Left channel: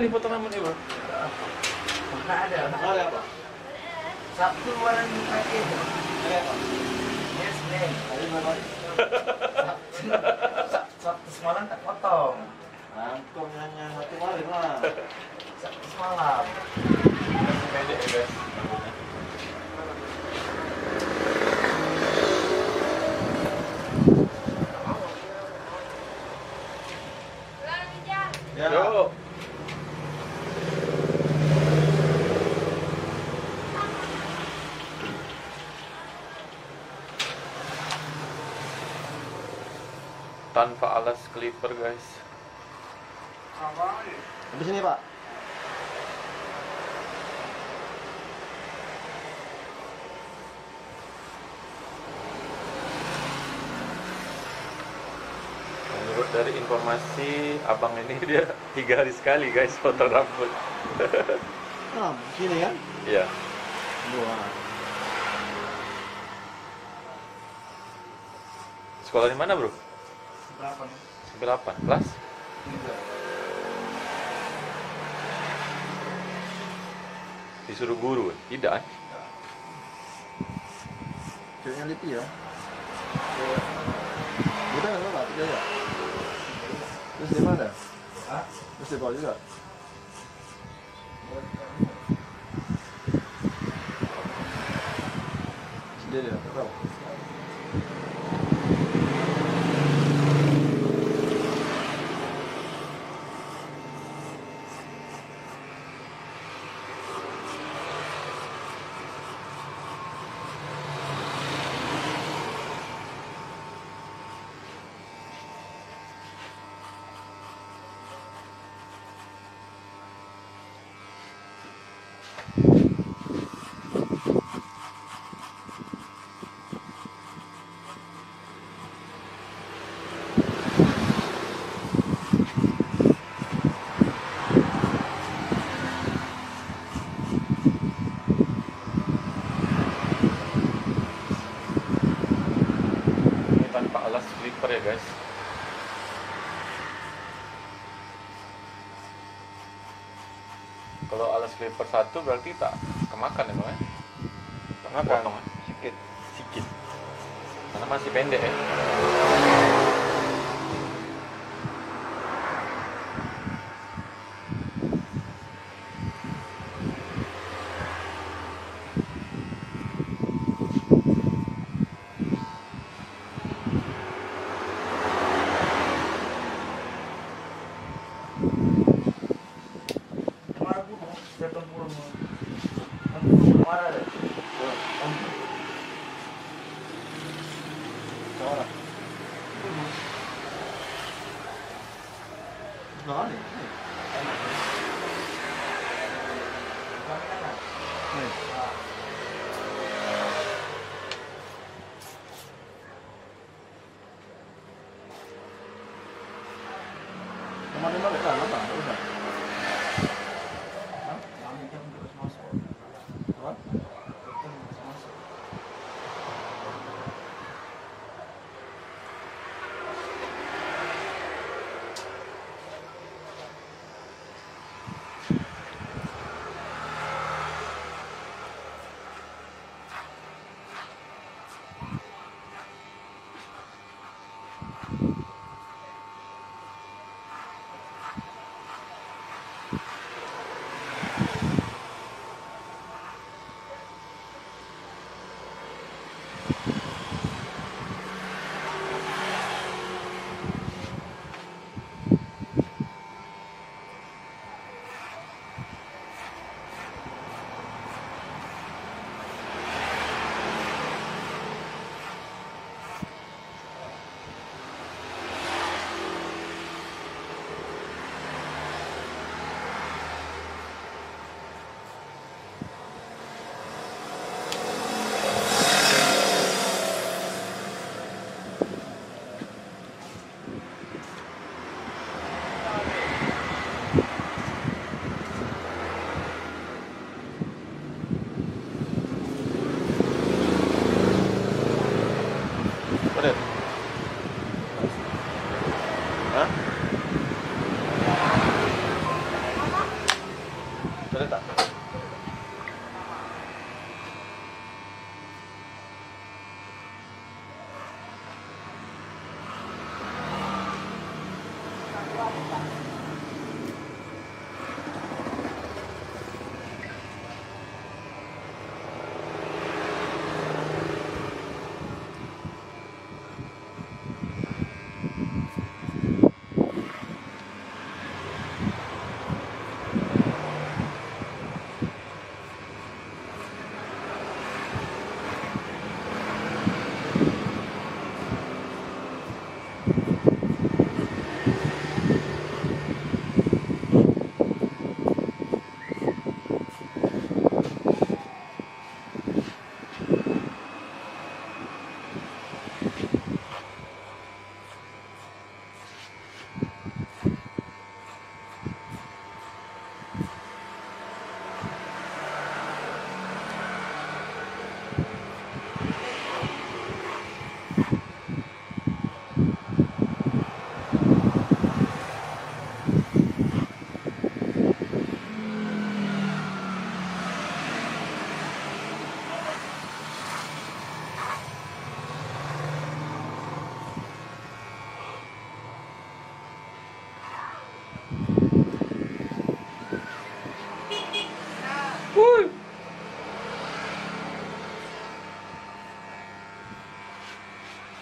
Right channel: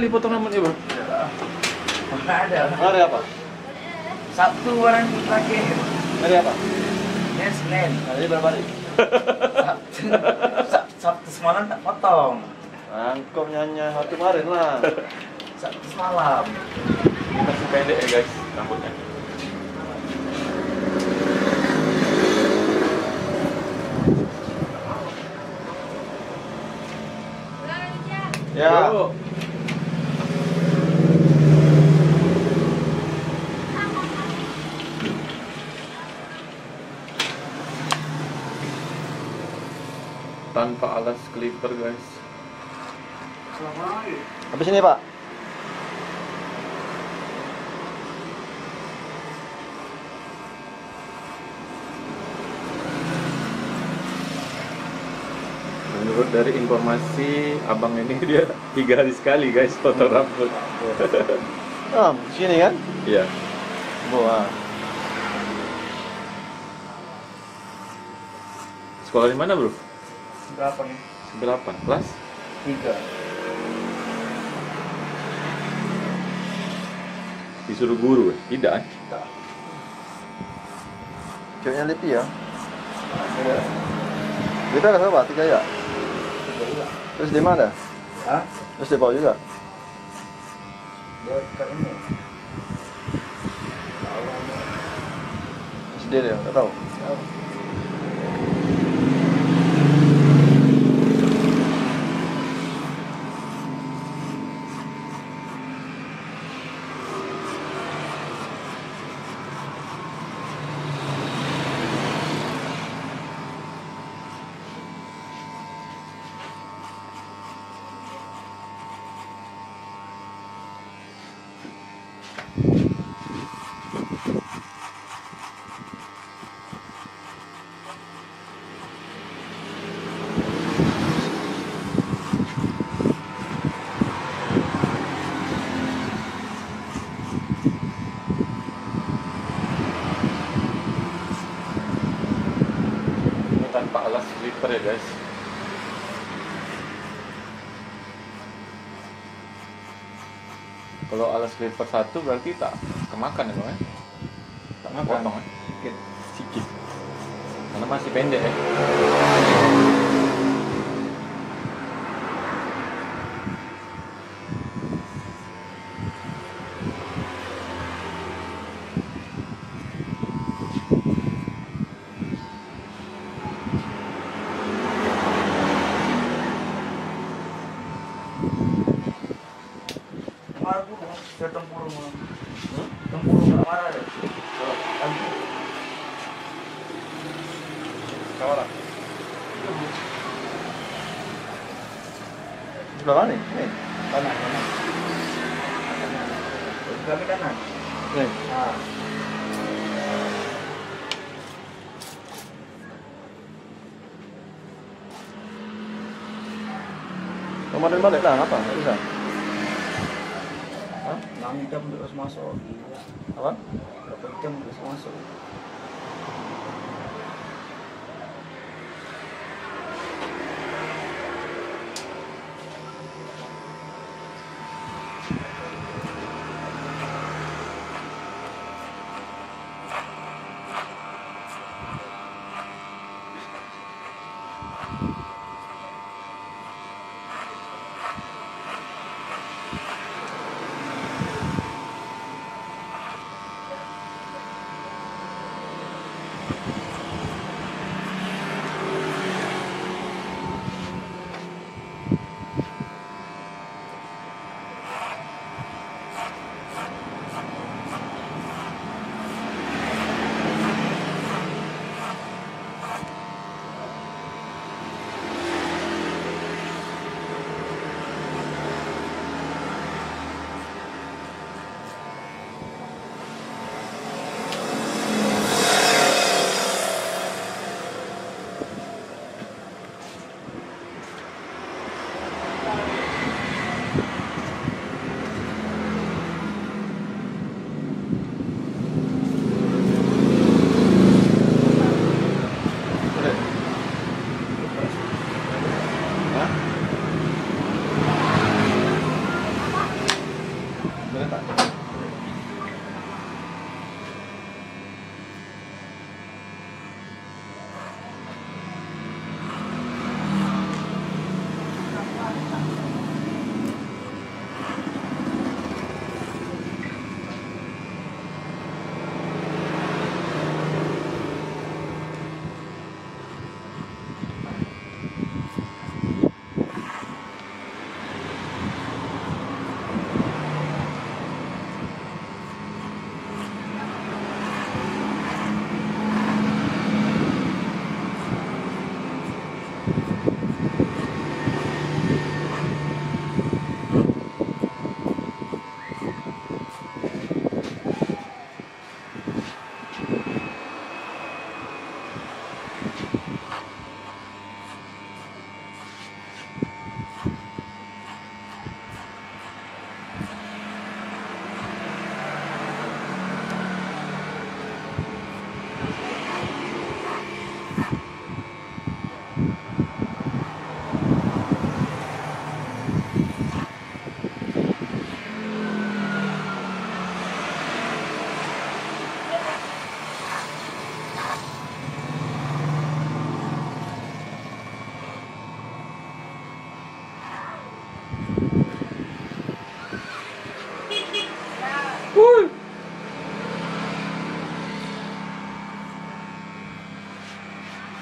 Kali potong rambutnya, bro? Nggak ada. Hari apa? Sabtu orang lagi. Hari apa? Ini Senin. Hari berapa hari? Sabtu semalam tak potong. Angkom nyanyi hari kemarin lah. Sabtu semalam. Ini masih pendek ya, guys, rambutnya. Ya. Yo. Tanpa alas clipper, guys. Habis ini, Pak. Menurut dari informasi abang ini dia 3 hari sekali, guys, potong rambut. Ah, sini kan? Iya. Wah. Sekolah di mana, bro? Berapa nih? 98 kelas? 3. Disuruh guru, tidak? Ceweknya Lipi ya? Kita kan berapa? 3 ya? Terus di mana? Hah? Terus di bawah juga? Dekat ini. Sendiri ya? Nggak tahu. Ini tanpa alas clipper ya, guys. Kalau alas clipper 1 berarti tak kemakan ya, Bang? Tak Makan. potong ya? Sedikit. Sikit. Karena masih pendek ya. Marah gue mau ke tempurung. Tempurung nggak marah deh. Kawan. Sebelah mana nih? Nih. Kanan. Kami kanan. Nih. Ah. Kemarin balik lah, apa? Bisa. Nang jam terus masuk. Apa? Berapa jam terus masuk?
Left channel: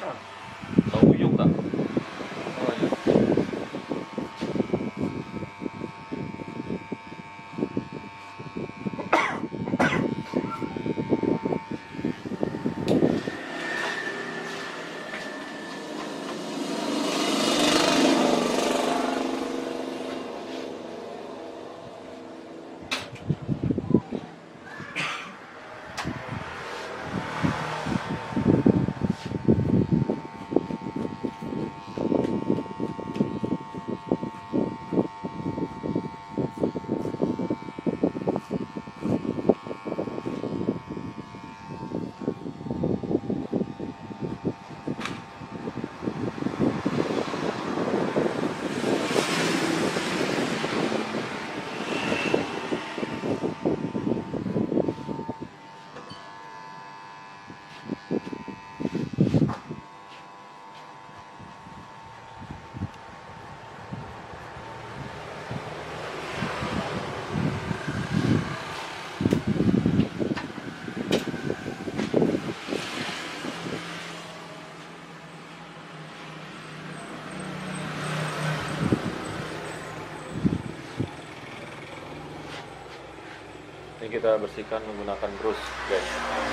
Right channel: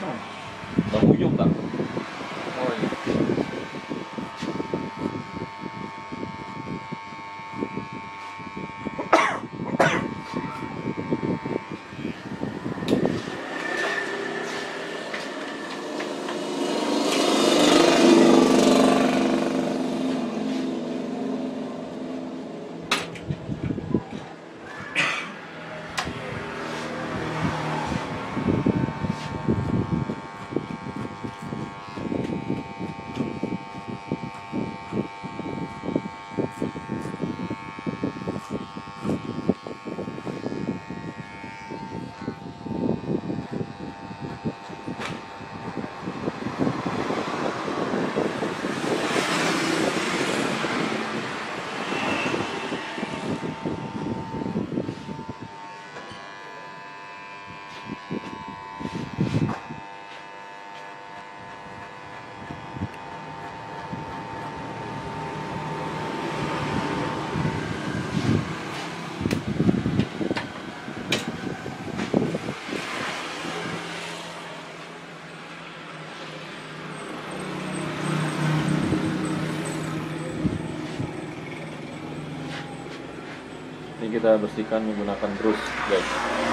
Bang Ujung tak? Oh iya. Ini kita bersihkan menggunakan brush, guys.